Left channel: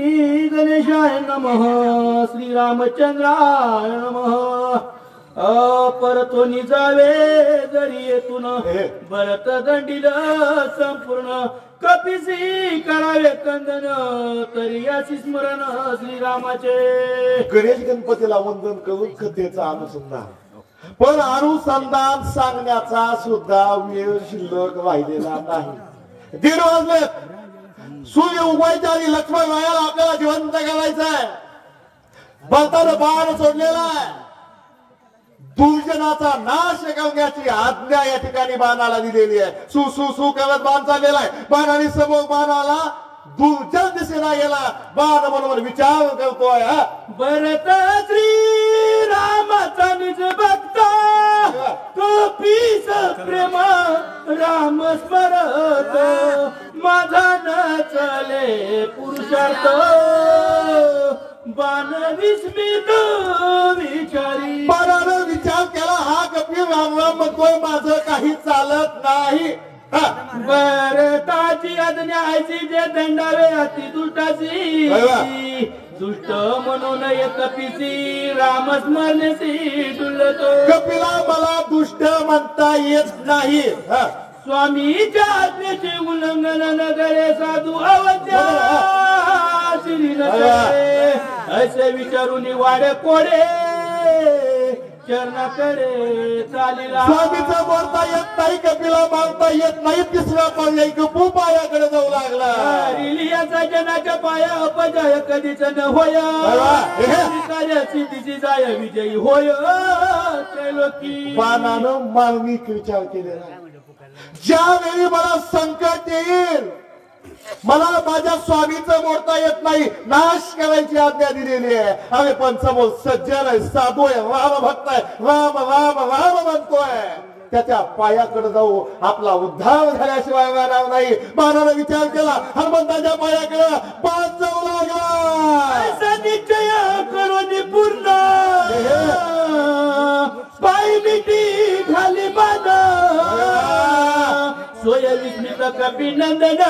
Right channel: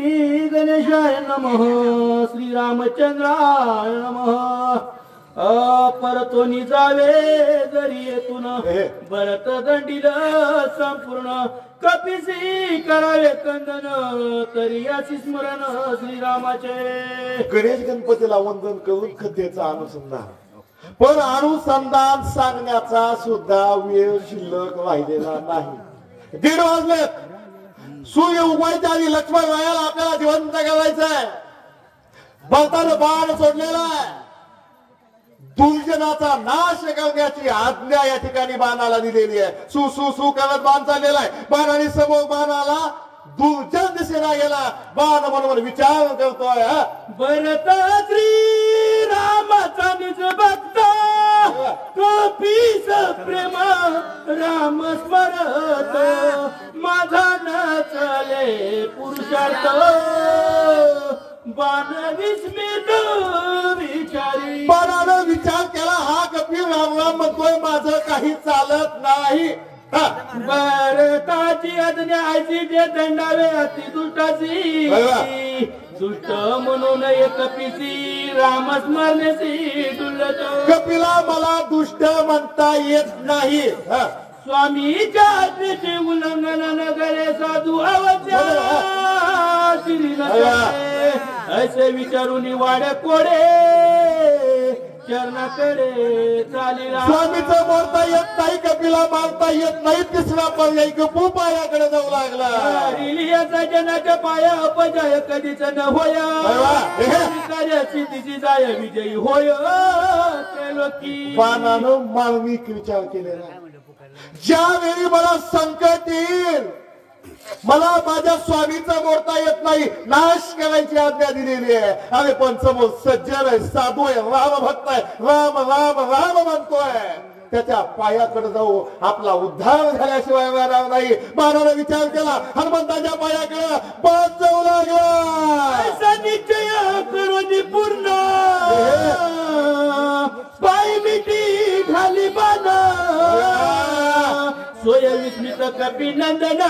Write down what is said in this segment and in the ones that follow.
श्री गणेशाय नमः श्री रामचंद्राय नमः परतोनी जावे जरी येतून भरत दंडील संपूर्ण कपिसी करावे कंदन तरी अशी स्मरण श्रीरामाचे गणेश गणपतीला वंदन करून कथेचा अनुसंधान पण अनुसंधान सांगण्याचा सुद्धा वेळ शिल्लक राहिलेला नाही 1:30 वाजले सूर्य उगवायच्या आधी लक्ष्मण रायाला आपल्याला जिवंत करायचंय भरतानं बाण सोडलेला आहे दुर्जनाचा नाश करण्याची आज्ञा या ठिकाणी बाणाला दिलेली आहे सु सु सु करत बाण चाललेला आहे बाणाने समोर बाणाला दुर्जन दिसेला गेला बाण बरोबर विचार करतोय भरत श्री रामाचा निज भक्त कपीस प्रेम राम स्मरत माझा न चले पुरुषार्थ बाण विस्मित विचारी बाणानं विचार केला हा कपिल राम म्हणतोय माझं काही चालत नाही भरताची आज्ञाची जे दंडावे अति दुष्टाची दुष्ट म्हणून एक कपिसी राम स्मरणेसी डुलतो कपिला मला दुष्ट म्हणता येत नाही स्वामीच्या आज्ञेचे उल्लंघन नगरे साधू अवध्या असे विचारून वाडे कोडे चरणाकडे चालेला स्वामीचं बोलता येत नाही कपिला मारता येत नाही तिसरा पर्याय गपू पायाकडे जाऊ लागला रिलियाचा जनाच्या पाया अपजय कधीच न होया कार्य सिद्धीची जाय विजयी होय त्रैलोकी बाणानं मार्मिक विचार केलेला ज्यावेळी मला संकट येईल मला माझ्या स्वामीचं मोडता येत नाही नाश करायची आज्ञा दिलेली आहे अरे पण समोर सज्जन आहे साधू आहे राम भक्त आहे राम राम राम म्हणतोय त्याच्या पायाकडे जाऊ आपला उद्धार झाल्याशिवाय राहणार नाही बाणानं विचार केला हनुमंताच्या पायाकडे बाण जाऊ लागला असा निश्चय करून पूर्ण पाय मिठी खाली बाण सोय विस्मित कपिनंदन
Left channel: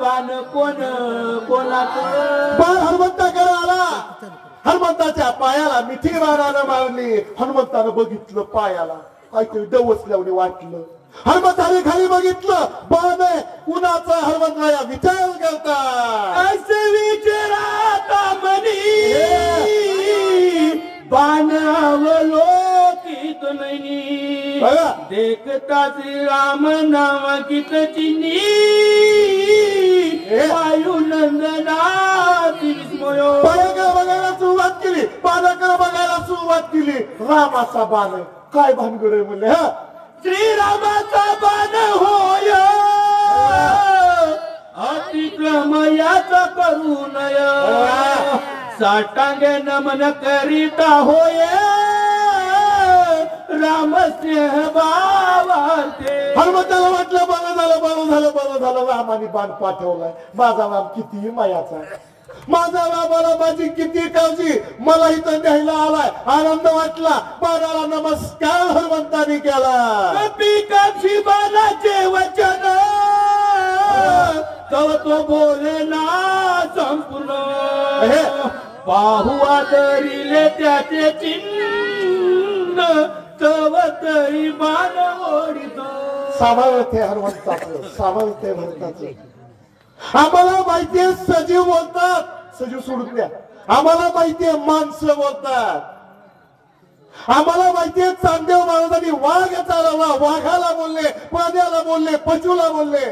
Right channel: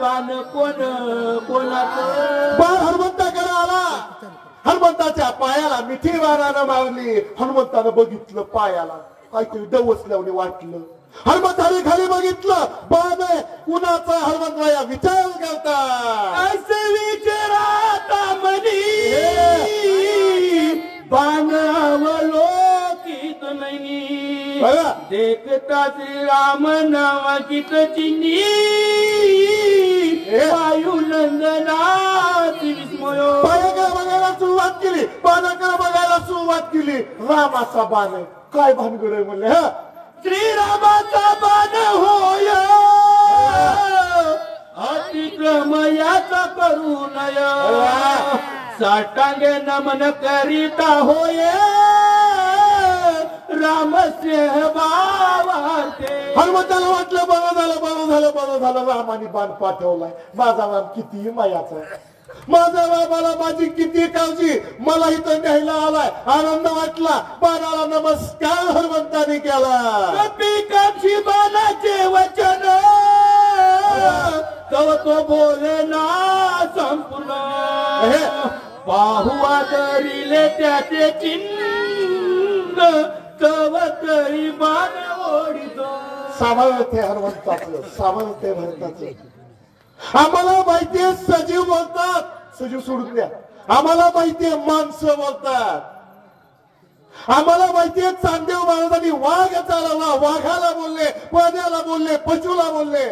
बाण कोणाचं बाण हनुमंताकडे आला हनुमंताच्या पायाला मिठी बाणानं मारली हनुमंतानं बघितलं पायाला काहीतरी डवसल्याने वाटलं हनुमंताने खाली बघितलं बाण आहे कुणाचा हनुमंतराया विचार करता असे विचाराता मनी बाण अवलोकित नाही देखता श्री राम नावाकित चिन्ही वायुनंदना पायाकडे बघायला सुरुवात केली बाणाकडे बघायला सुरुवात केली रामाचा बाण आहे काय भानगड आहे म्हणले हा श्रीरामाचा बाण होय अतिक्रम याचा करू नय साष्टांगे नमन करीता होय रामस्नेह भावार्थे हनुमंताला वाटलं बरं झालं रामाने बाण पाठवलाय माझा राम किती मायाचा माझा रामाला माझी किती काळजी मला इथं न्यायला आलाय आनंद वाटला बाणाला नमस्कार हनुमंताने केला कपिकाक्षी बाणाचे वचन तव तो बोलना संपूर्ण पाहू आदरिले त्याचे चिन्ह तव तरी बाण ओढितो सामर्थ्य हनुमंताचं सामर्थ्य भरताचं आम्हाला माहितीये सजीव बोलतात सजीव सोडून द्या आम्हाला माहितीये माणसं बोलतात आम्हाला माहितीये चांदेव महाराजांनी वाघ चालवला वाघाला बोलले पाण्याला बोलले पशुला बोलले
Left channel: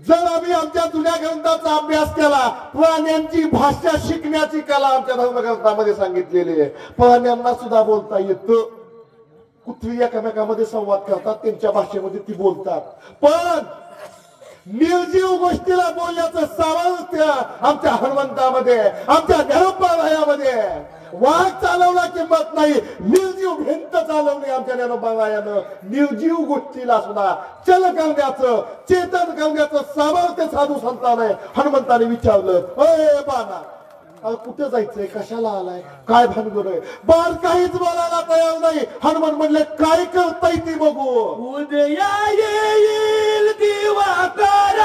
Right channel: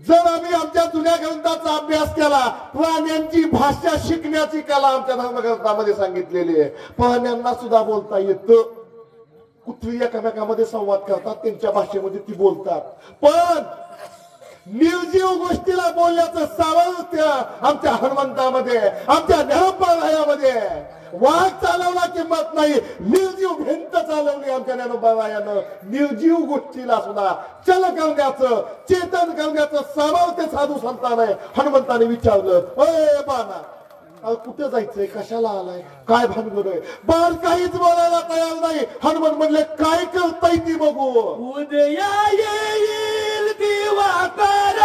जर आम्ही आमच्या जुन्या ग्रंथाचा अभ्यास केला प्राण्यांची भाषा शिकण्याची कला आमच्या धर्मग्रंथामध्ये सांगितलेली आहे प्राण्यांना सुद्धा बोलता येतं कुत्री एकमेकांमध्ये संवाद करतात त्यांच्या भाषेमध्ये ती बोलतात पण निर्जीव गोष्टीला बोलण्याचं सामर्थ्य आमच्या हनुमंतामध्ये आमच्या ज्ञानोबारायामध्ये वाघ चालवला किंमत नाही निर्जीव भिंत चालवली आमच्या ज्ञानोबारायानं निर्जीव गोष्टीला सुद्धा चल करण्याचं चेतन करण्याचं सामर्थ्य साधू संतान हनुमंताने विचारलं अरे बाणा कुठे जायचंय कशाला आलाय काय भानगड आहे बाण काहीच बोलायला तयार नाही हनुमान म्हणले काय करताय ती बघू उदया येईल दिवाकर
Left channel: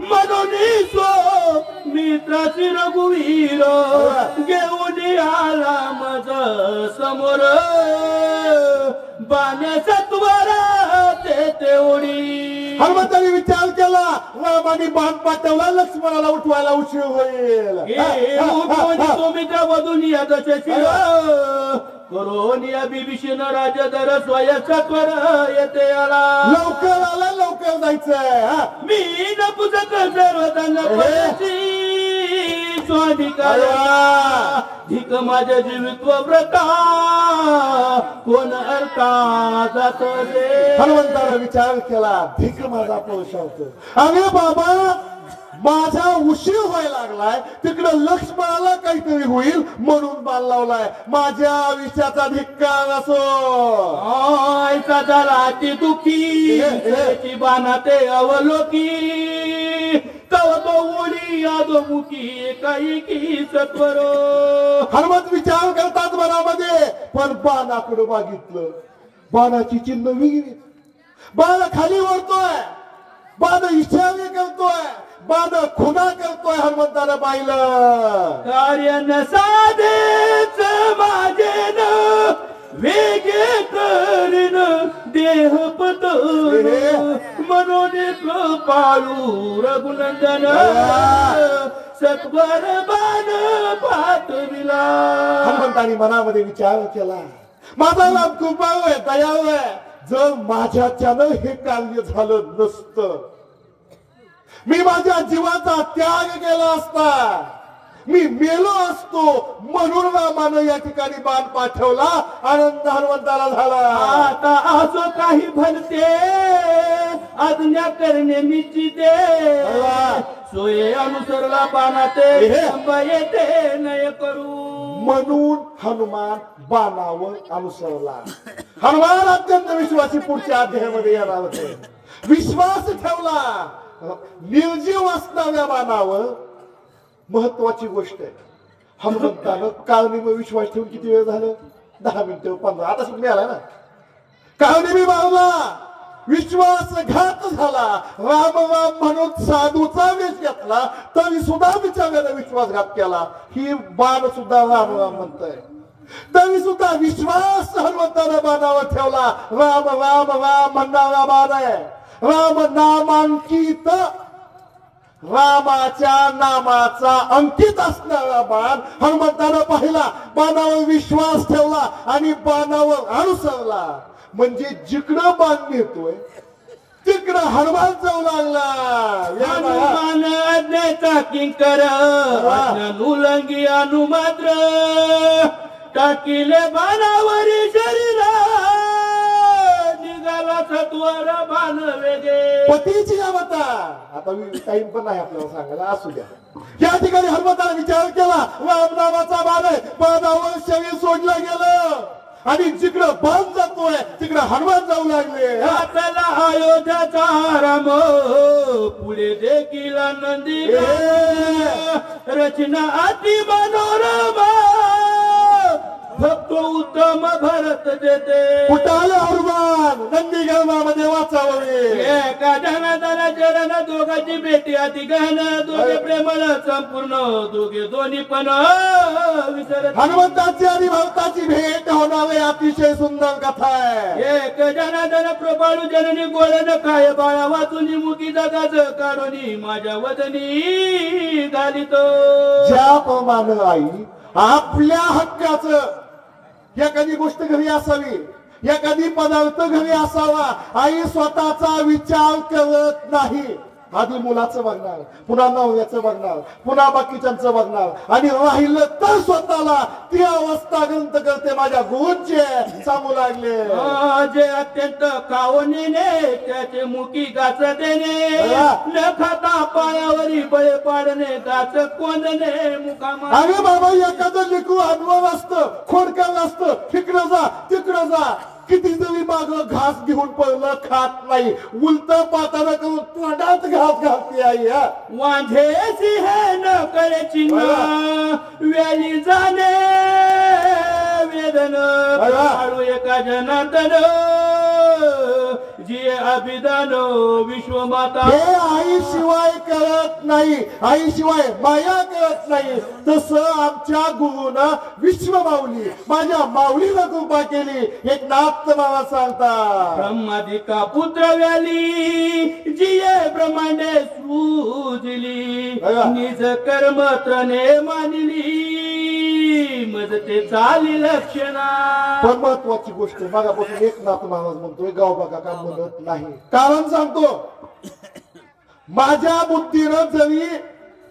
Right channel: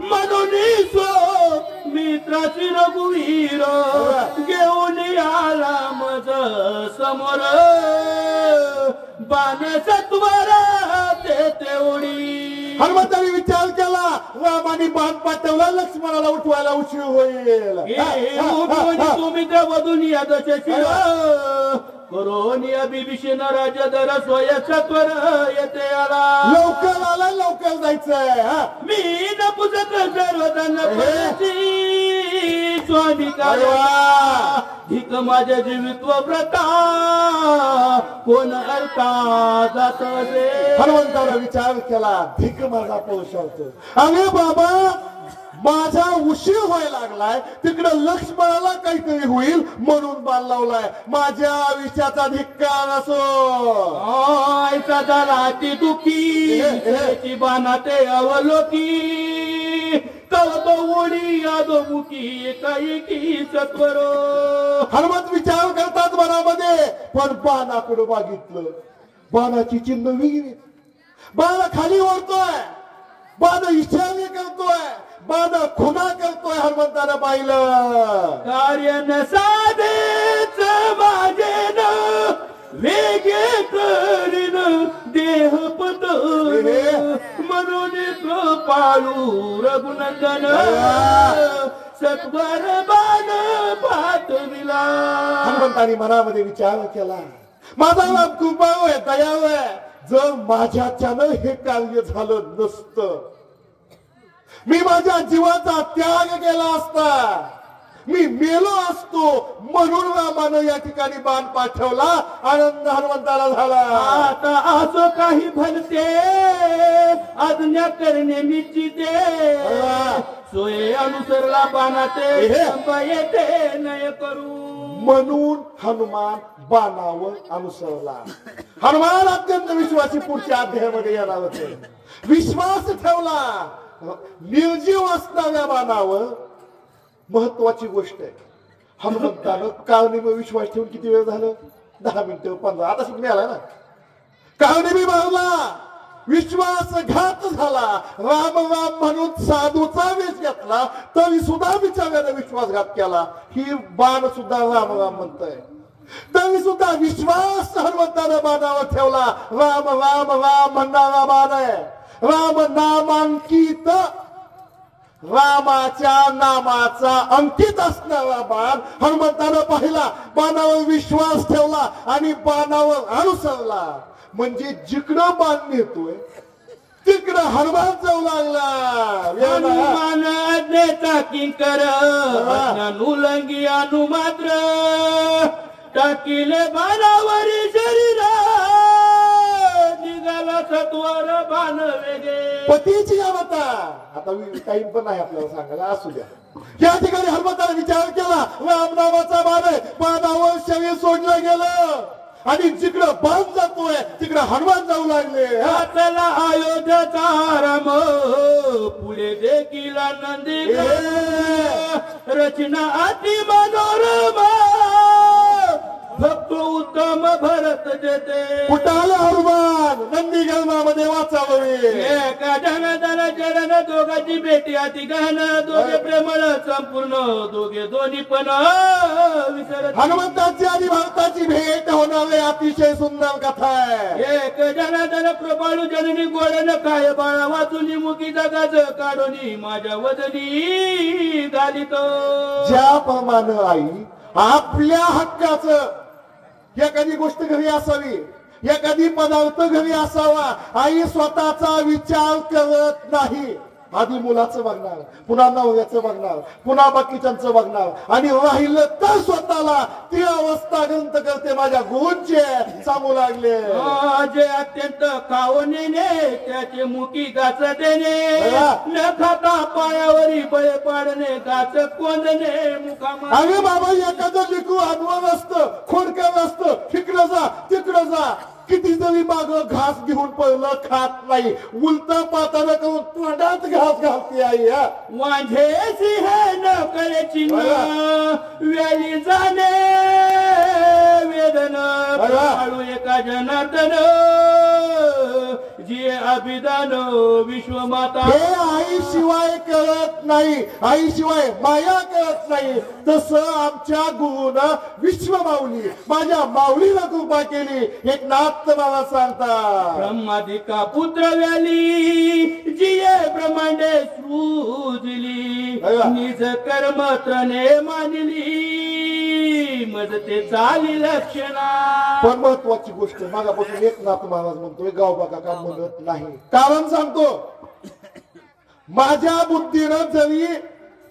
म्हणून पाठवला लक्ष्मणाला उठवायला उशीर होईल. तुम्ही त्या वधून या दशशिर करून या बिभीषण राजा दर स्वयंसत्वर येते आला. लवकर आला लवकर जायचंय. मी नपुसक सर्वतांना स्वाधिकारा धिक माझ्या जीवित्व व्रता कोण अर्था जात दे. हनुमंताला विचार केला धिक माझा पुरुषार्थ. अरे बाबा माझा उशीर व्हायला लागलाय तिकडे लक्ष्मणाला काहीतरी होईल म्हणून बाण लावलाय. माझ्या आयुष्याचा धिक्कार असो. ऐसा झाला ती दुखी बाणा ते अवलोकी तव तो ओढी यादमुखी एकाएकी सत्वर. हनुमंत विचार करतात मनामध्ये पण बाणाकडे बघितलं. बाणाची चिन्ह वेगळी. बाण खाली ओढतोय. बाण इशारे करतोय. बाण खुना करतोय. हनुमंताला पाहिलं कार्य न साधेच माझे न वेगे करीन देह पत म्हणून कृपाळू रघुनंदन सत्वर बाण पाठविला. हनुमंतानी मनामध्ये विचार केला माझा नाम कृपाळू आहे दयाळू आहे. जर माझ्याच्यानं हे कार्य झालं नसतं मी माझ्या जीवाचा त्याग केला असता. मी मेलो असतो म्हणून रामानं या ठिकाणी बाण पाठवला. आनंद हनुमंताला झाला. आता असो काही भलते आज्ञा करणे निश्चिते सोये अनुसरला बाणाते येते नय करू. म्हणून हनुमान बाणावर अनुसरला. हनुमान अत्यंत विश्वासी पुढच्या अध्यायामध्ये येणार होते. विश्वास ठेवला. निर्जीव असणाऱ्या बाणावर महत्वाची गोष्ट आहे. हनुमंतानं काळनिमी विश्वास ठेवून किती वेळ झालं 10 मिनिटं 15 आता शिक मिळाला ना. काळनिमी मारला. विश्वासघात झाला. राम राम म्हणून साधूचा वेश घेतला तरी सुद्धा बिचाऱ्याने विश्वासघात केला. ही बाण सुद्धा राम राम म्हणतोय तरी सुद्धा विश्वास हनुमंताने बाणावर ठेवला. राम राम राम म्हणणारा बाण आहे. राम नामांकित रामाच्या नामाचा अंकित असणारा बाण हनुमंतानं पाहिला. बाणावर विश्वास ठेवला आणि बाणावर अनुसरला. म्हणजे जिकडं बाण नेतोय तिकडं हनुमान जाऊ लागला. हनुमान आज्ञेचा किंकर उल्लंघी अनुमात्र टाकिले बाणावरी शरीरा निघाला सत्वर बाण वेगे. पतीची गावता आता टाइम पण नाही आपल्याला सांगायला असू द्या. या ठिकाणी हनुमंताला विचार केला राम नामाचा बाण आहे. बाणावर शरीर सोडलं गेलं आणि जिकडं बाण जातोय तिकडं हनुमान जाऊ लागले. चला अयोध्याचा राम पुढे देखील नंदी रचना अति मनोरमा भक्त उत्तम भरत देते. कुठाले हनुमान नंदी गर्भामध्ये वाचावे. एका धनाधना चरण दोघांची भेटी अति गहन दोघे प्रेमळ संपूर्ण दोघे दोन्ही पण विसरत. हनुमंताची आणि भक्ताची भेट होणारे अतिशय सुंदर कथा आहे. एक जनार्दन कृपाळू जननी गोळन काय बाळा वाचून मुखी जगाच काढून माझ्या वदनी घालितो. ज्याप्रमाणे आई आपल्या हक्काचं एखादी गोष्ट घरी असावी एखादी पदार्थ घरी असावा आई स्वतःचा विचार करत नाही. आधी मुलाचं बघणार पुन्हा नवऱ्याचं बघणार पुन्हा बाकीच्यांचं बघणार आणि राहिलं तर स्वतःला ती अवस्था ग्रंथ करते. माझ्या गुरूंचे सांगू लागले जे अत्यंत खावणीने त्याचे मुखी गाच देणे न खाता पायावरी बळे पाडणे गाच कोंदणे मुखामा. अरे बाबा एखादं लेकरू अनवर असतं खोडकर असतं तिकडं जा तिकडं जा किती जरी माग घास घेऊन पडलं खात नाही उलट पाताना करून तोंडात घास घालते आई. वांझेसी हे न करे चिन्ह वेली जाणे वेदन काळू एका जनार्दन जी अभिदान विश्वमाता हे आई शिवाय कळत नाही, आई शिवाय माया कळत नाही. तसं आमच्या गुरुनं विश्वमाऊली माझ्या माऊलीला कृपा केली. एक नाथ मला सांगता ब्रह्मादिका पुत्र व्याली जिये ब्रह्मांडे सृजिली निज कर्म त्रणे मानली मज ते चाली लक्षणा. पण महत्वाची गोष्ट मागापासून एक नाथ महाराज म्हणतोय गाव बघा का म्हणत नाही. कारण सांगतो माझ्या बुद्धीनं जरी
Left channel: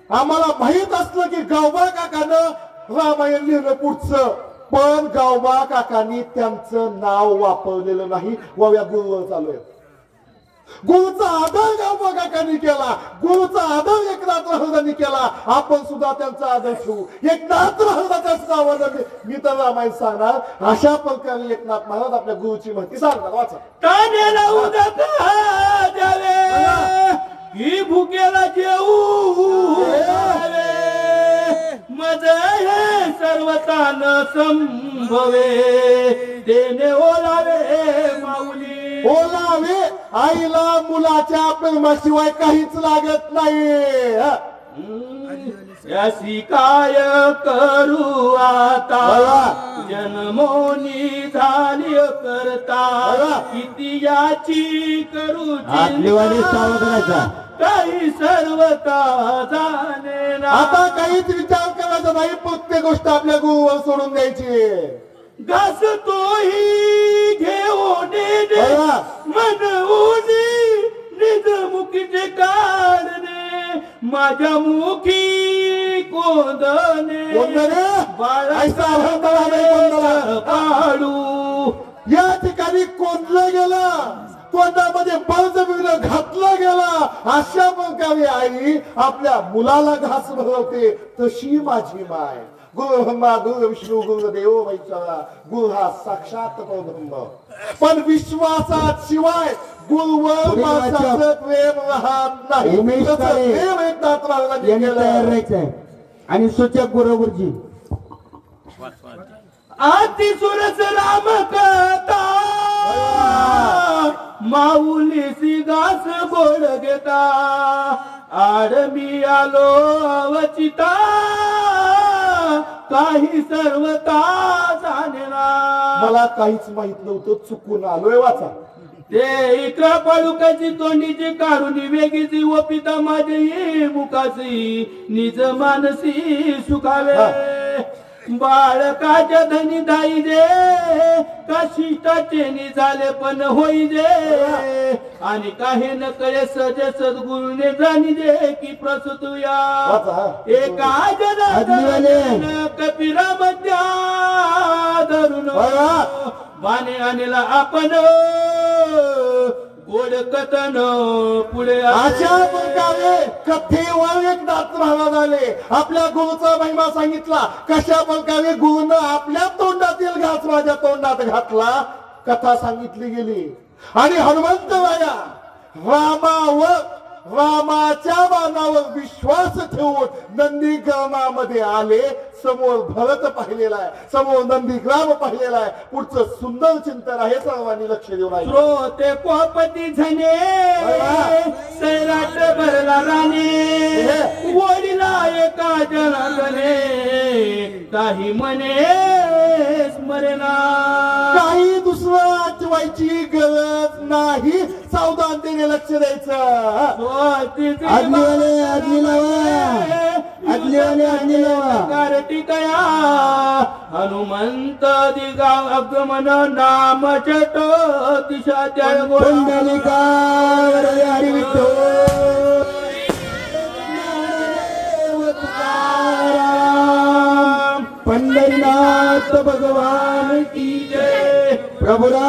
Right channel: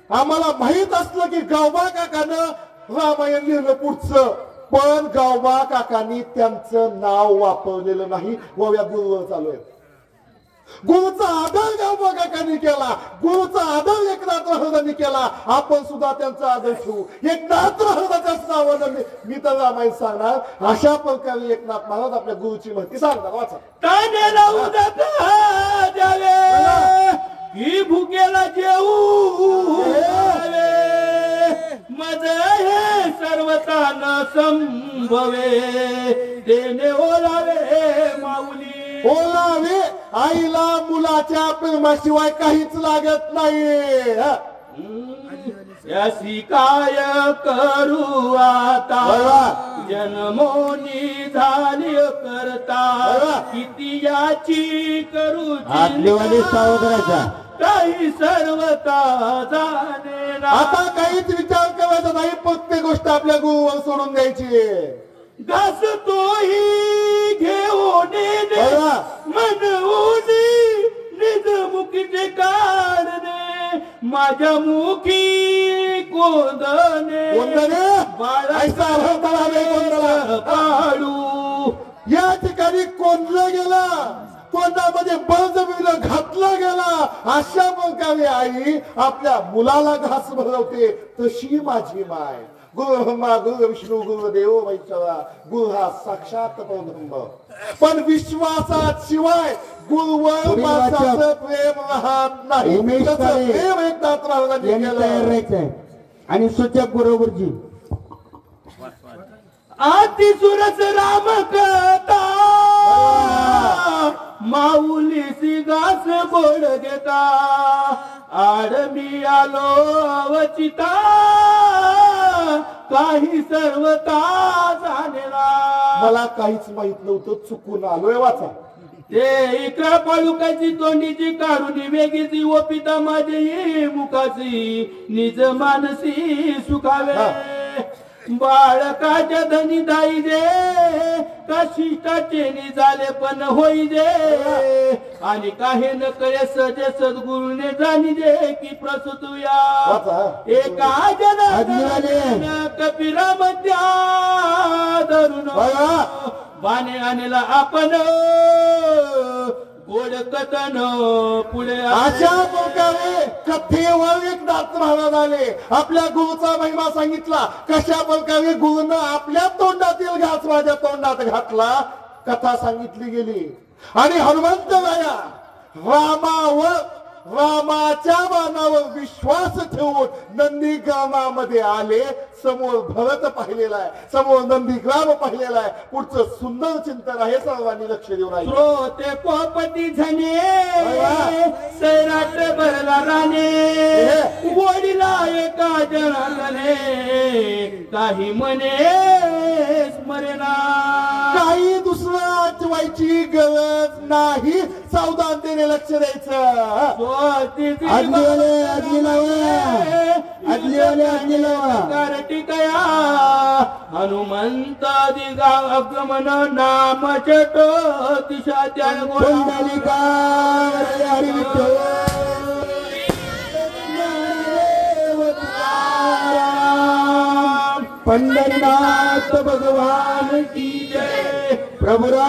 आम्हाला माहित असलं की गावबा काकानं रामायण लिहिलं पुढचं, पण गावबा काकांनी त्यांचं नाव वापरलेलं नाही. गोव्या गुरुवर चालू आहे. गुरुचा आदर गावबा काकांनी केला, गुरुचा आदर एकनाथ महाराजांनी केला. आपण सुद्धा त्यांचा आदर ठेवू. एकनाथ महाराजाच्याच नावानं मी तर रामायण सांगणार. अशा प्रकारे एकनाथ महाराज आपल्या गुरुची माहिती सांगणार. वाचा. तानेला उदक द्यावे ही भुकेला जेऊ मज हे सर्वतान संभवे देणे ओलावे माऊली. ओलावे आईला मुलाच्या प्रेमाशिवाय काहीच लागत नाही. यासी काय करू आता जन्मोनी झाली करता किती याची करू काही सर्वता जाणे. आता काहीच विचार करायचा नाही. प्रत्येक गोष्ट आपल्या गुरुवर सोडून द्यायची. घास तोही घेऊन मन उदी निज मुखीचे काढणे माझ्या मुखी कोंदणे पाडू. या ठिकाणी कोंडलं गेला, कोंडामध्ये बळजबरीनं घातला गेला. अशा प्रकारे आई आपल्या मुलाला घास भरवते. तशी माझी माय. गुरु ब्रह्मा गुरु विष्णू गुरु देव महेश्वरा. गुरु हा साक्षात परब्रह्म. पण विश्वासाशिवाय गुरुवर माणसाचं प्रेम राहत नाही. प्रेम एकनाथ महाराजांनी केलं. आणि सूचक गुरुजी आती सुरस राम कथा माऊली सिगास बोल घेता आडमी आलो अवचिता काही सर्वता जाणेला. मला काहीच माहित नव्हतं, चुकून आलोय. वाचा. ते इकरा पळुकाची तोंडीची काढून वेगळीची व पिता माझी मुखाची निज मानसी सुखावे. बाळकाच्या धनी दाई दे का शिष्टाचे निझाले पण होई दे आणि काही न कळे सज सद्गुरूने जाणी दे की प्रसूतुया एका जना कपिरा मध्या धरून बाणे आणला आपण गोड कथन पुढे. अशा प्रकारे कथेवर एकनाथ महाराज आले. आपल्या गुरुचा महिमा सांगितला. कशा प्रकारे गुरुनं आपल्या तोंडातील घास माझ्या तोंडात घातला कथा सांगितली गेली. आणि हनुमंत राया रामाच्या बाणावर विश्वास ठेवून नंदीग्रामामध्ये आले. समोर भरत पाहिलेला आहे, समोर नंदीग्राम पाहिलेला आहे. पुढचं सुंदर चिंतन आहे. सर्वांनी लक्ष देऊन आहे. श्रोते पोपती झने सैराट भरला राणे गोडीला एका जनाने काही म्हणे स्मरेना. काही दुसरं आठवायची गरज नाही. सावधानतेने लक्ष द्यायचं. टिकया हनुमंत दिगागमन नाम चट दिशा त्या पंढरीनाथ भगवान की जय. प्रभुरा